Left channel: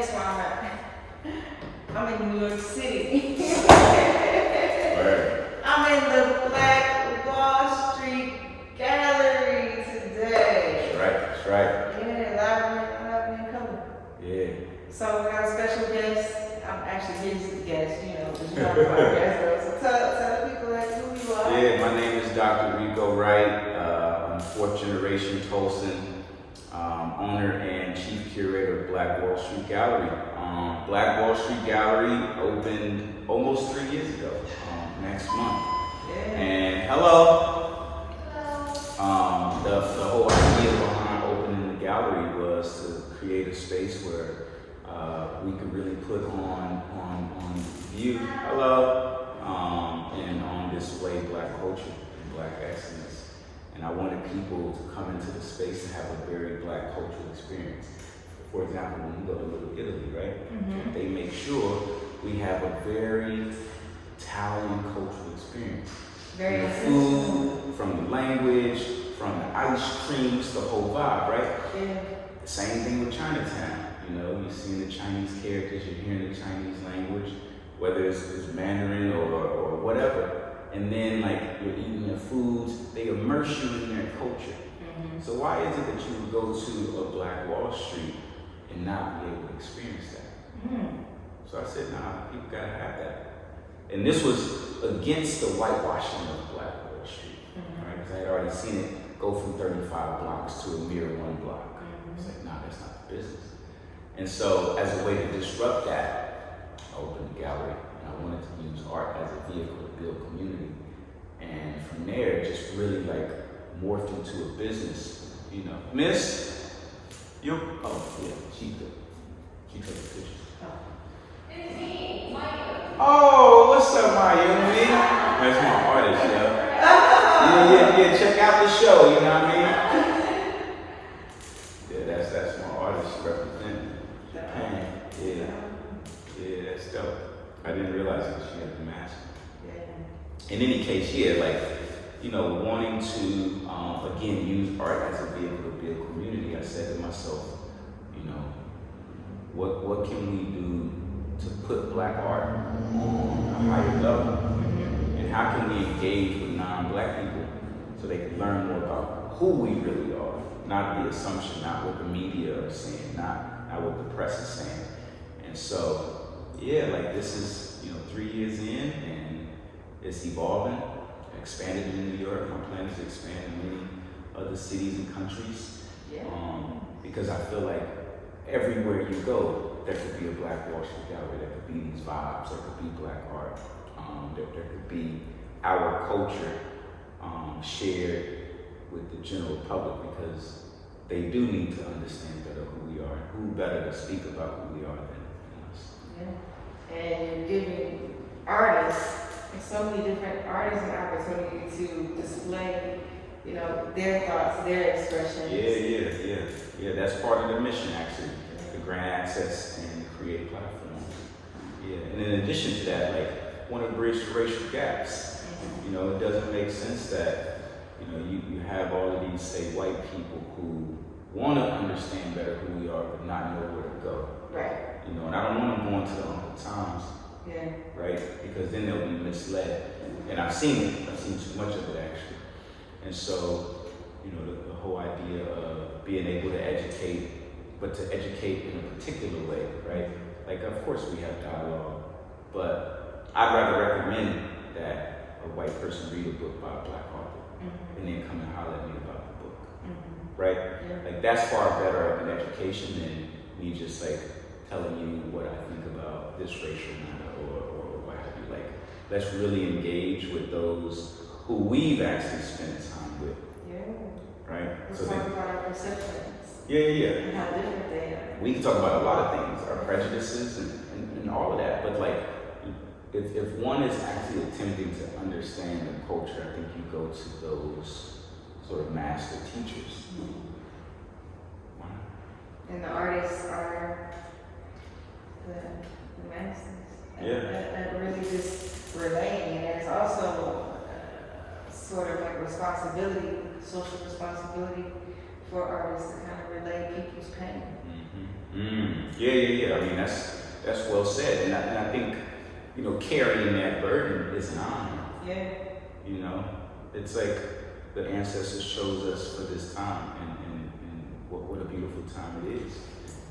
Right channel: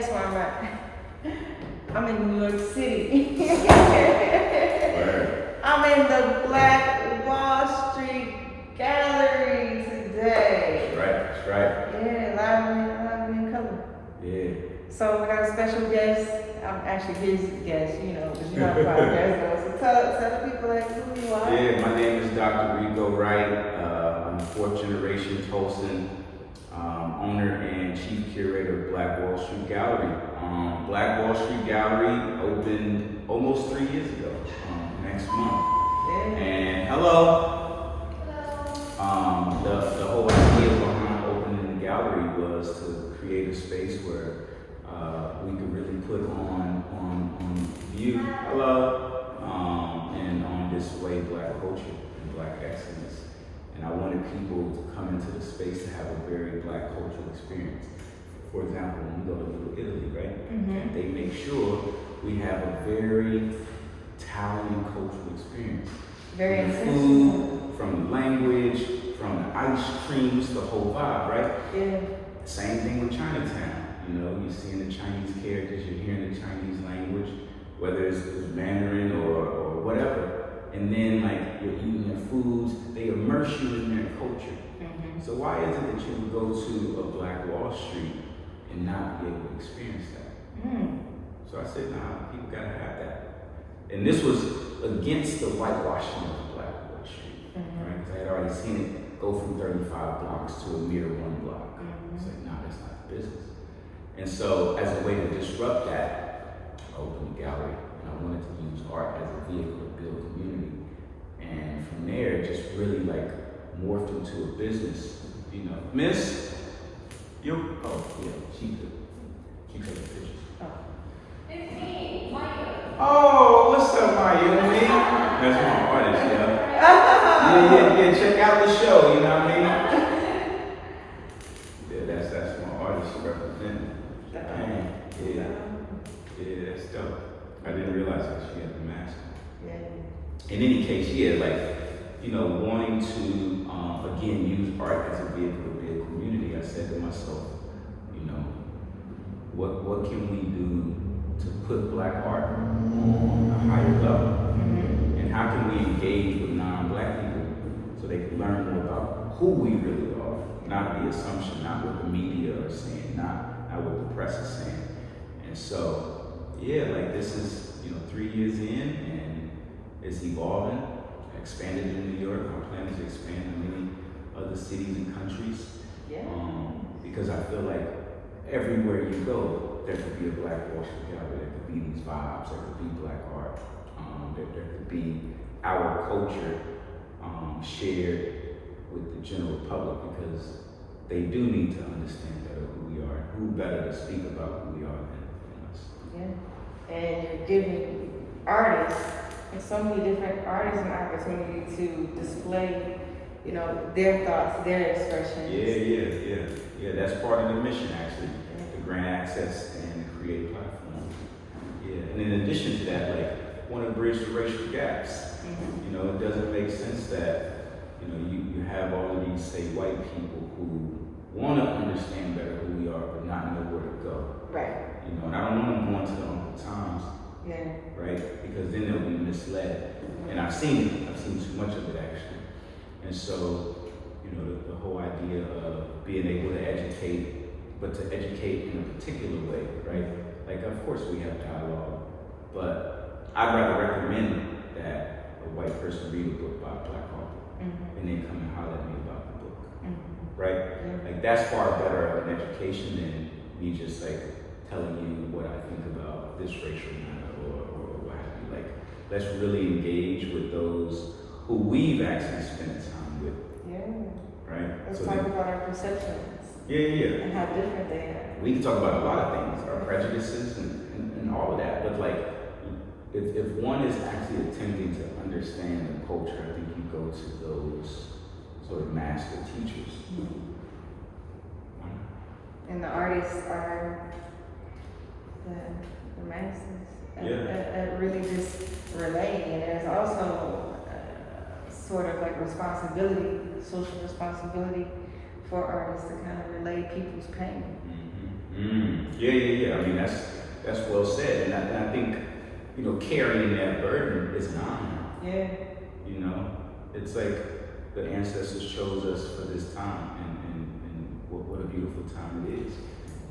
guess where I'm at? I'm in New York City. Right. I'm in the Black Wall Street Gallery today. That's right. Yeah, live in color. Yeah. So we got a special guest. I'm actually his guest, but you're not a podcast though. So tell the people who you are. Yeah, my name is Dr. Ricco Wright. I'm a fourth generation Tulsan, owner and chief curator of Black Wall Street Gallery. Black Wall Street Gallery opened almost 3 years ago, next month. Yeah. And hello. The whole idea behind opening the gallery was to create a space where we could really put on view, hello, and on display Black culture and Black excellence. And I wanted people to come into the space to have a very Black cultural experience. For example, when you go to Little Italy, right? Mm-hmm. They make sure we have a very Italian cultural experience. Very from the food, from the language, from the ice cream, it's the whole vibe, right? Yeah. Same thing with Chinatown. You're seeing the Chinese characters, you're hearing the Chinese language, whether it's Mandarin or whatever. And then you're eating their foods, they immerse you in their culture. Mm-hmm. So why is it that you would go to a Black Wall Street and not be able to experience that? Mm. So I said, nah, people gotta have that. And this was against the whitewashing of Black Wall Street, right? Because I had already seen it go from 35 blocks to a mere 1 block. I said, nah, that's not the business. And so as a way to disrupt that, I opened the gallery and I wanted to use art as a vehicle to build community. And from there, it just really morphed into a business. Miss, she took a picture. Oh, what's up, my young lady? That's my artist, yeah, check out the show, you know what I mean? Yeah, that's my artist representing. Yeah, that's dope. I didn't realize that she had the mask. Yeah. In any case, wanting to, again, use art as a vehicle to build community, I said to myself, what can we do to put Black art on a higher level? And how can we engage with non-Black people so they can learn more about who we really are, not the assumption, not what the media are saying, not what the press is saying. And so, this is 3 years in and it's evolving. I expanded in New York. My plan is to expand in many other cities and countries. Yeah. Because I feel like everywhere you go, there could be a Black Wall Street Gallery, there could be these vibes, there could be Black art, there could be our culture shared with the general public, because they do need to understand better who we are. Who better to speak about who we are than us? Yeah. And you're giving artists, and so many different artists, an opportunity to display, their thoughts, their expressions. Yeah. That's part of the mission, actually. To grant access and create platforms. Yeah. And in addition to that, want to bridge the racial gaps. Mm-hmm. It doesn't make sense that you have all of these, say, white people who want to understand better who we are, but not know where to go. Right. And I don't want them going to the Uncle Tom's. Yeah. Right? Because then they'll be misled. And I've seen it. I've seen too much of it, actually. And so, the whole idea of being able to educate, but to educate in a particular way, right? Of course we have dialogue, but I'd rather recommend that a white person read a book by a Black author and then come and holler at me about the book, right? Yeah. That's far better of an education than me just telling you what I think about this racial matter or what have you. Let's really engage with those who we've actually spent time with. Yeah. Right? Let's talk about our perceptions. Yeah. And how different they are. We can talk about a lot of things, our prejudices and all of that. But if one is actually attempting to understand the culture, I think you go to those sort of master teachers. Why not? And the artists are the masters. That really just relating. And there's also sort of responsibility, social responsibility for artists to kind of relay people's pain. Yeah. I mean, that's well said, and I think, you know, carrying that burden is an honor. Yeah. You know, it's like the ancestors chose us for this time, and what a beautiful time it is.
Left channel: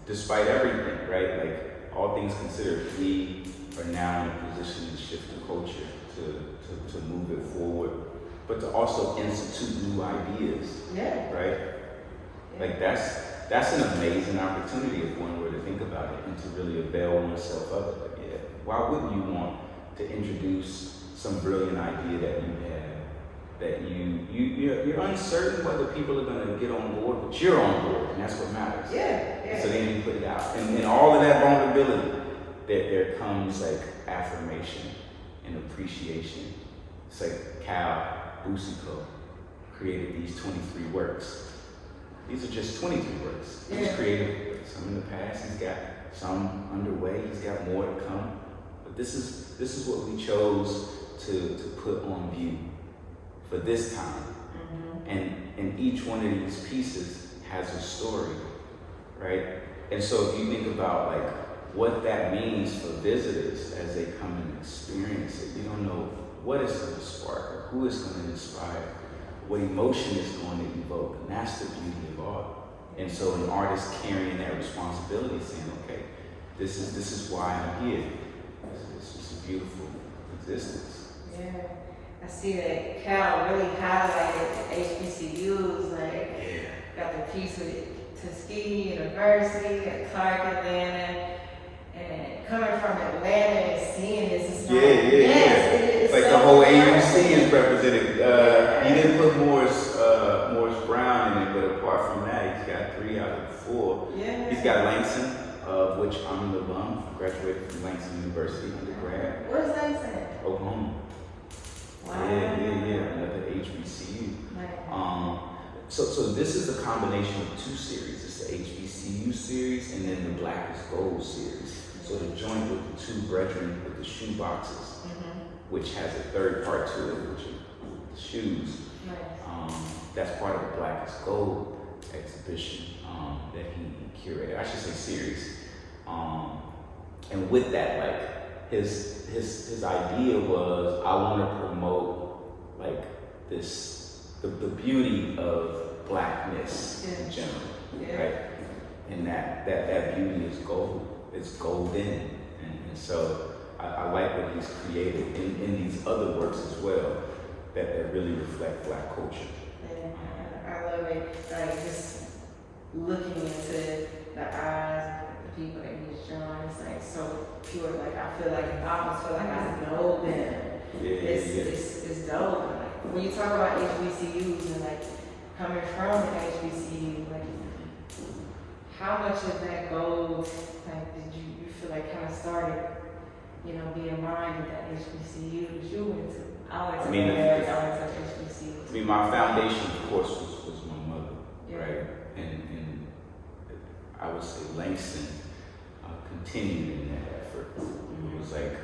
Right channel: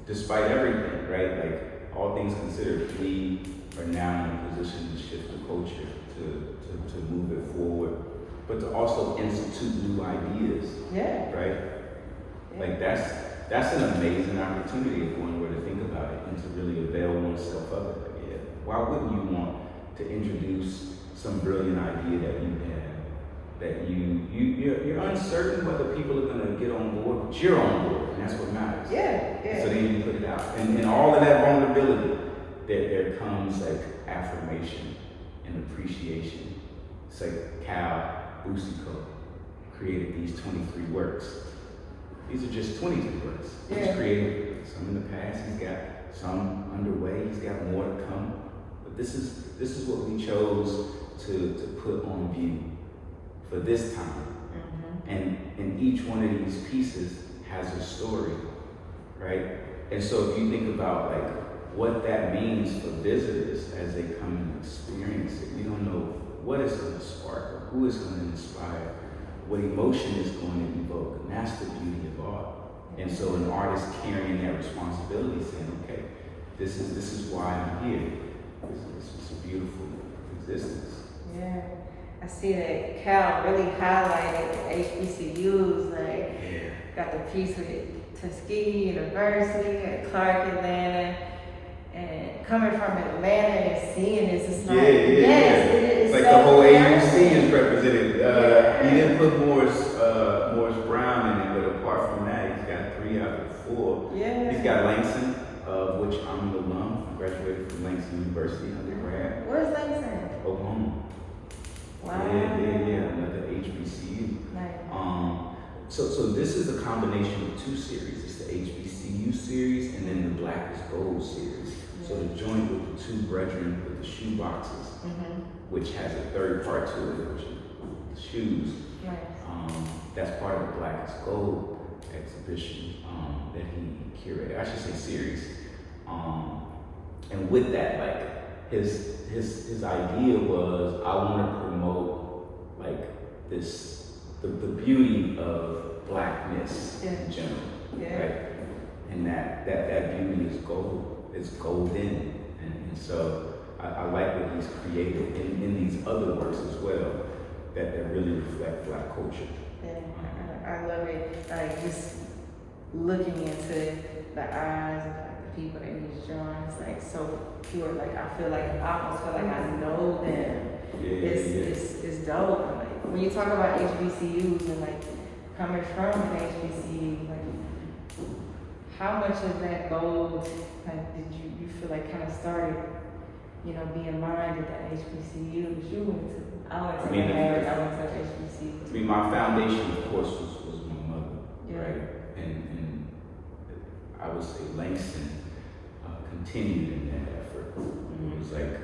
Despite everything, right? Like, all things considered, we are now in a position to shift the culture, to move it forward, but to also institute new ideas. Yeah. Right? Yeah. Like, that's an amazing opportunity if one were to think about it and to really avail oneself of it. Yeah. Why wouldn't you want to introduce some brilliant idea that you have, that you're uncertain whether people are going to get on board, but you're on board, and that's what matters. Yeah. So then you put it out, and all of that vulnerability, there comes like affirmation and appreciation. It's like Cal Busico created these 23 works. These are just 23 works. He's created some in the past. He's got some underway. He's got more to come. But this is what we chose to put on view for this time. And each one of these pieces has a story, right? And so if you think about like what that means for visitors as they come and experience it, you don't know what is going to spark or who is going to inspire, what emotion is going to evoke. And that's the beauty of art. And so an artist carrying that responsibility, saying, okay, this is why I'm here. This is a beautiful existence. Yeah. I see that Cal really highlighted HBCUs, like got the piece with Tuskegee University and Clark Atlanta, and coming from Atlanta and seeing this, it's like, it is like so the whole impressive. AUC is represented. He didn't put Morris Brown in it, but apart from that, he's got 3 out of 4. Yeah. He's got Langston, of which I'm the alum. I graduated from Langston University undergrad. Where's Langston? Oklahoma. Wow. Yeah. Another HBCU. Nice. So this is a combination of 2 series. It's the HBCU series and then the Black is Gold series. So the joint with the 2 brethren with the shoe boxes, which has a 3rd part to it, which are the shoes. Nice. That's part of the Black is Gold exhibition that he curated. I should say series. And with that, like his idea was, I want to promote like the beauty of Blackness in general, right? And that beauty is gold. It's golden, and so I like what he's created in these other works as well that really reflect Black culture. I love it. Like just looking into the eyes of like, the people that he's drawing, it's like so pure. Like I almost feel like I know them. It's dope. And, like when you talk about HBCUs and like coming from an HBCU, like how much of that gold like did you feel like kind of started, you know, being mined at that HBCU that you went to? I went to HBCU. I mean, my foundation, of course, was my mother, right? And I would say Langston continued in that effort. It was like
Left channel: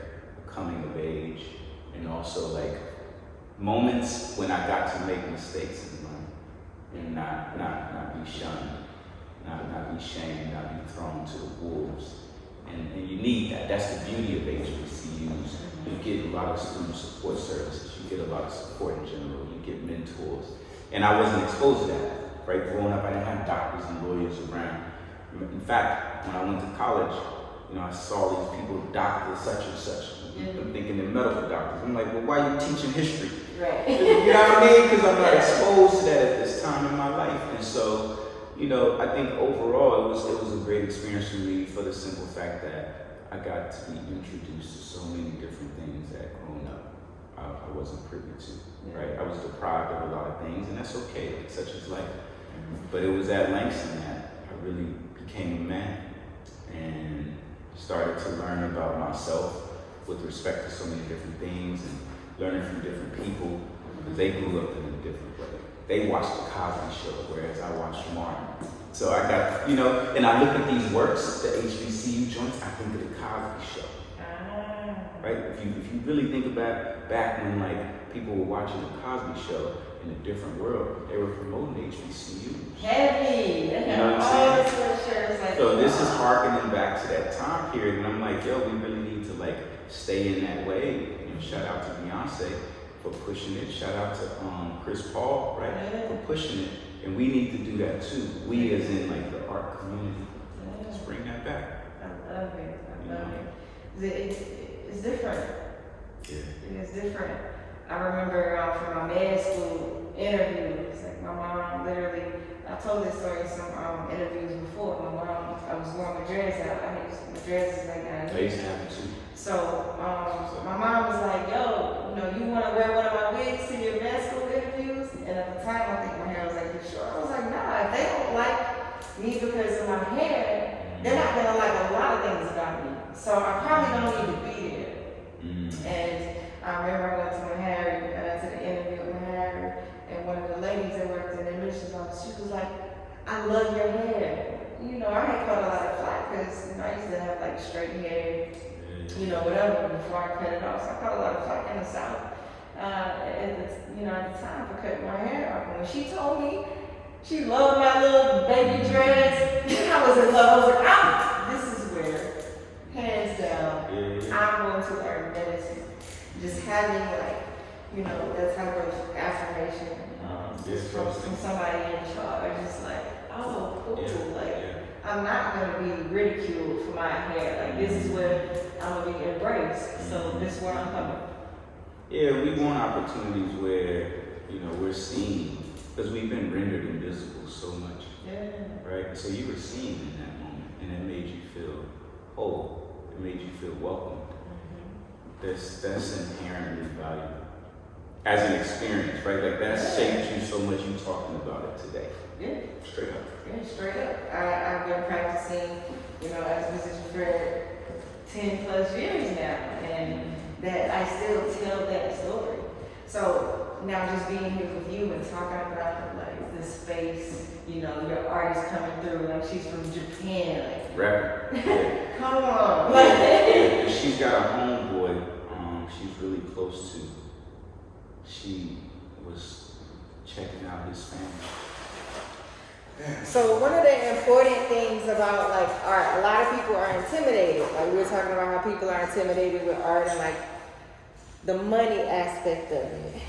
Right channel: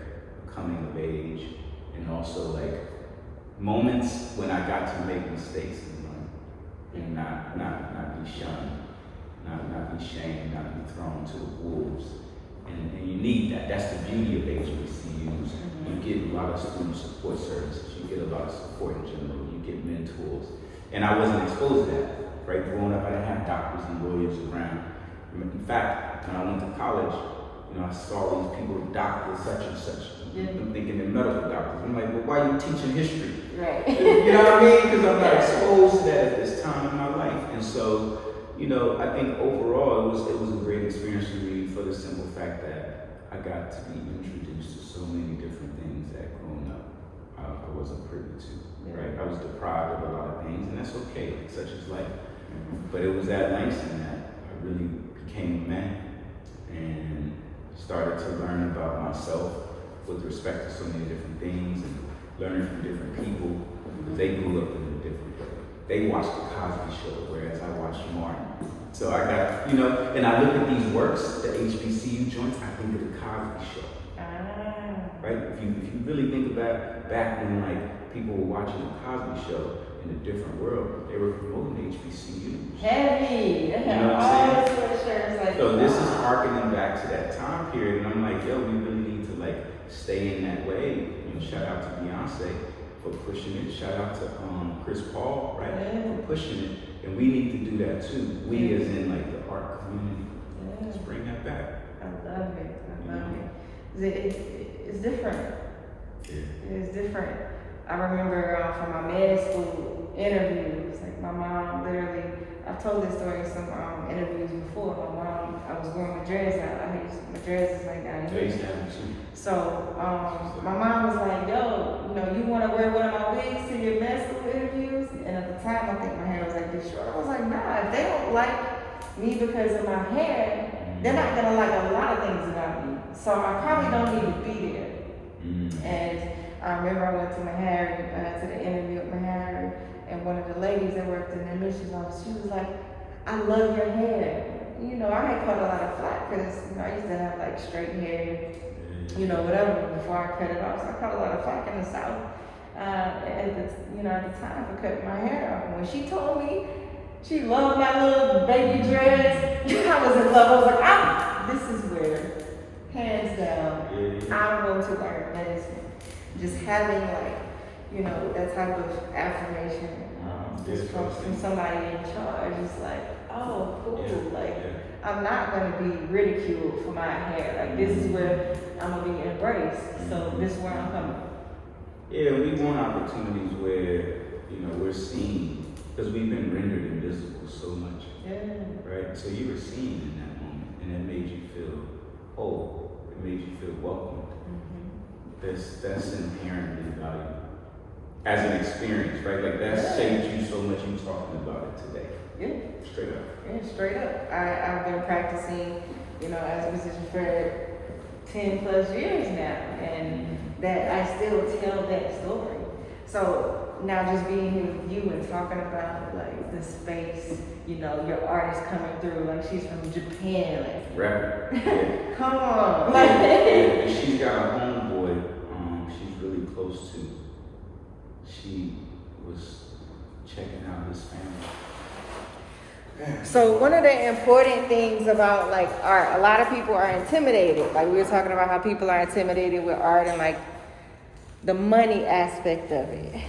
a coming of age, and also like moments when I got to make mistakes in life and not be shunned, not be shamed, not be thrown to the wolves. And you need that. That's the beauty of HBCUs. You get a lot of student support services. You get a lot of support in general. You get mentors. And I wasn't exposed to that, right? Growing up, I didn't have doctors and lawyers around. In fact, when I went to college, you know, I saw these people, doctors such and such. I'm thinking they're medical doctors. I'm like, well, why are you teaching history? Right. You know what I mean? Because I'm not exposed to that at this time in my life. And so, you know, I think overall it was a great experience for me for the simple fact that I got to be introduced to so many different things that growing up I wasn't privy to, right? I was deprived of a lot of things, and that's okay, such is life. But it was at Langston that I really became a man and started to learn about myself with respect to so many different things and learning from different people, because they grew up in a different way. They watched the Cosby Show, whereas I watched Martin. So I got, you know, and I look at these works, the HBCU joints, I think of the Cosby Show. Right? If you really think about back when like people were watching the Cosby Show in a different world, they were promoting HBCUs. Heavy. They You know have what all I'm the sweatshirts like. So this is harkening back to that time period, and I'm like, yo, we really need to like stay in that way. You know, shout out to Beyonce for pushing it. Shout out to Chris Paul, right, for pushing it. And we need to do that too. We as in like the art community. Let's bring that back. I love it. I love it. It's different. Yeah. It's different. I remember from my med school interviews, like my mom literally, I've told this story in some interviews before. My mom, I was growing my dreads out. My dreads is like down here. So my mom was like, yo, you know, you want to wear one of my wigs to your med school interviews? And at the time, I think my hair was like this short. I was like, nah, if they don't like me because of my hair, they're not going to like a lot of things about me. So I probably don't need to be there. And I remember I went to Mahari, to the interview with Mahari, and one of the ladies that worked in the admissions office, she was like, I love your hair. You know, I had caught a lot of flack because, you know, I used to have like straight hair, you know, whatever, before I cut it off. So I caught a lot of flack in the South, at the time for cutting my hair off. And when she told me she loved my little baby dreads, I was in love. I was like, this is where, hands down, I'm going to learn medicine. Just having like, you know, that type of affirmation just from somebody in charge, just like, oh, cool. I'm not going to be ridiculed for my hair. Like, this is where I'm going to be embraced. So this is where I'm coming. Yeah, we want opportunities where, you know, we're seen, because we've been rendered invisible so much. Yeah. Right? So you were seen in that moment, and it made you feel whole. It made you feel welcome. That's inherently valuable as an experience, right? Like that's changed you so much. You talking about it today. Yeah. Straight up. Yeah, straight up. I've been practicing, you know, as a musician for 10 plus years now, and that I still tell that story. So now just being here with you and talking about like the space, you know, your artist coming through, like she's from Japan, like Rapper. Yeah. come on. Yeah. And she's got a homeboy she's really close to. She was checking out his family. So one of the important things about like art, a lot of people are intimidated. Like we were talking about how people are intimidated with art and like the money aspect of it.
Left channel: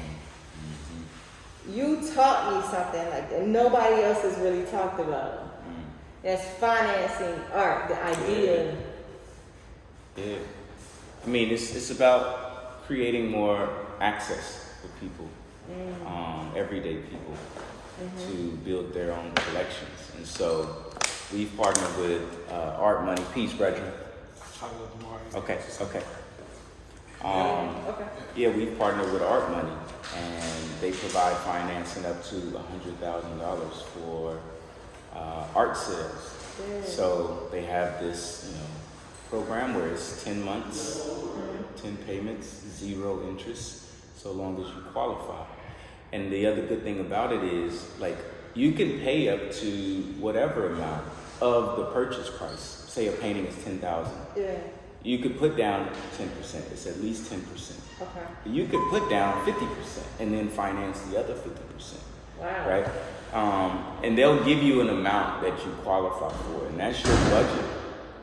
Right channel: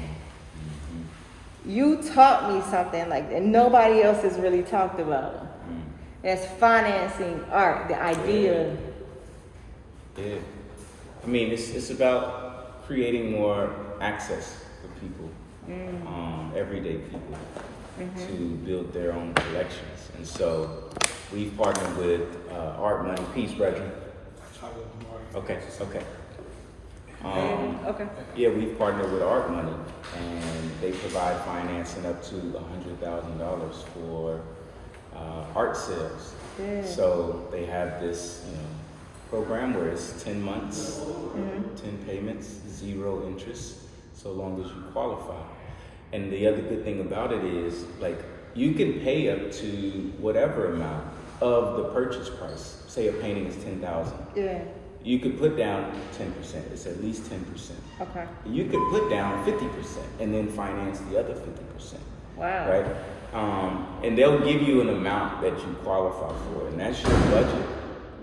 You taught me something like that nobody else has really talked about. That's financing art, the idea. Yeah. I mean, it's about creating more access for people, everyday people, to build their own collections. And so we've partnered with Art Money. Peace, brethren. Okay. Yeah, we've partnered with Art Money, and they provide financing up to $100,000 for art sales. Yeah. So they have this, program where it's 10 months, 10 payments, 0 interest, so long as you qualify. And the other good thing about it is, like, you can pay up to whatever amount of the purchase price. Say a painting is $10,000. Yeah. You could put down 10%. It's at least 10%. Okay. You could put down 50% and then finance the other 50%. Wow. Right? And they'll give you an amount that you qualify for, and that's your budget.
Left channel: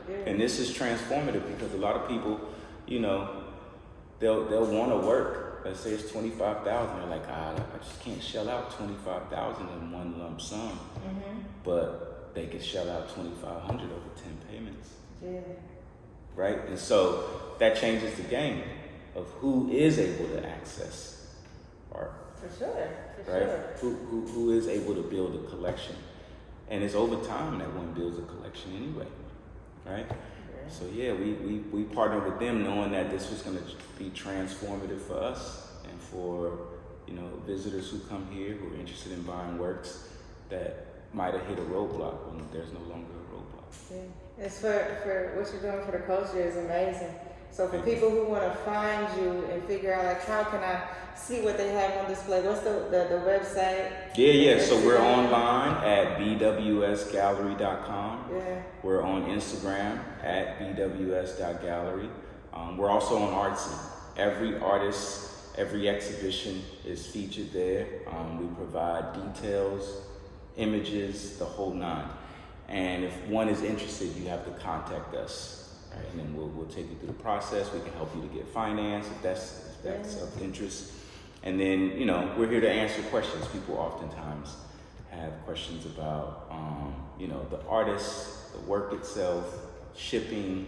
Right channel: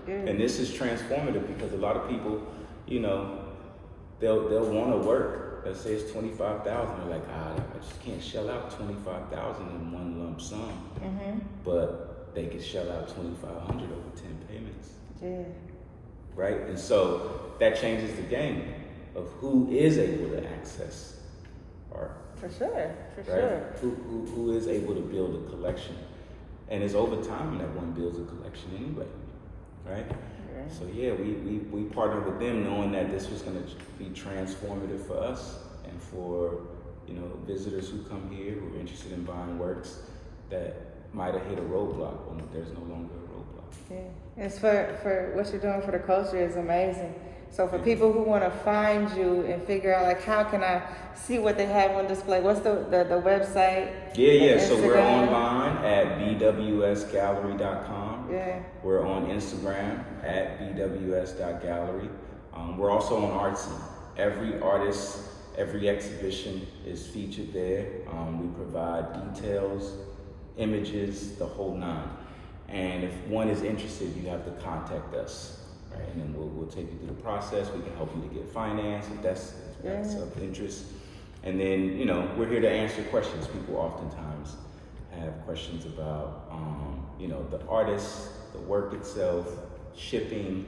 Yeah. And this is transformative because a lot of people, they'll want to work. Let's say it's $25,000. They're like, I just can't shell out $25,000 in one lump sum. But they could shell out $2,500 over 10 payments. Yeah. Right? And so that changes the game of who is able to access art. For sure. Who is able to build a collection. And it's over time that one builds a collection anyway. Right? Yeah. So yeah, we partnered with them knowing that this was going to be transformative for us and for, visitors who come here who are interested in buying works that might have hit a roadblock when there's no longer a roadblock. Yeah. It's for what you're doing for the culture is amazing. So for people who want to find you and figure out, like, how can I see what they have on display? What's the website? Yeah. So we're online at bwsgallery.com. Yeah. We're on Instagram at bws.gallery. We're also on Artsy. Every artist, every exhibition is featured there. We provide details, images, the whole nine. And if one is interested, you have to contact us, right? And then we'll take you through the process. We can help you to get finance if that's of interest. And then, you know, we're here to answer questions. People oftentimes have questions about, you know, the artist, the work itself, shipping.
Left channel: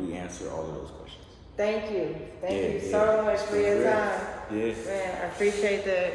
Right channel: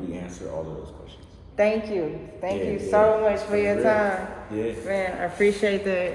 We answer all of those questions. Thank you. Thank you so much for your time. Yeah. Man, I appreciate that.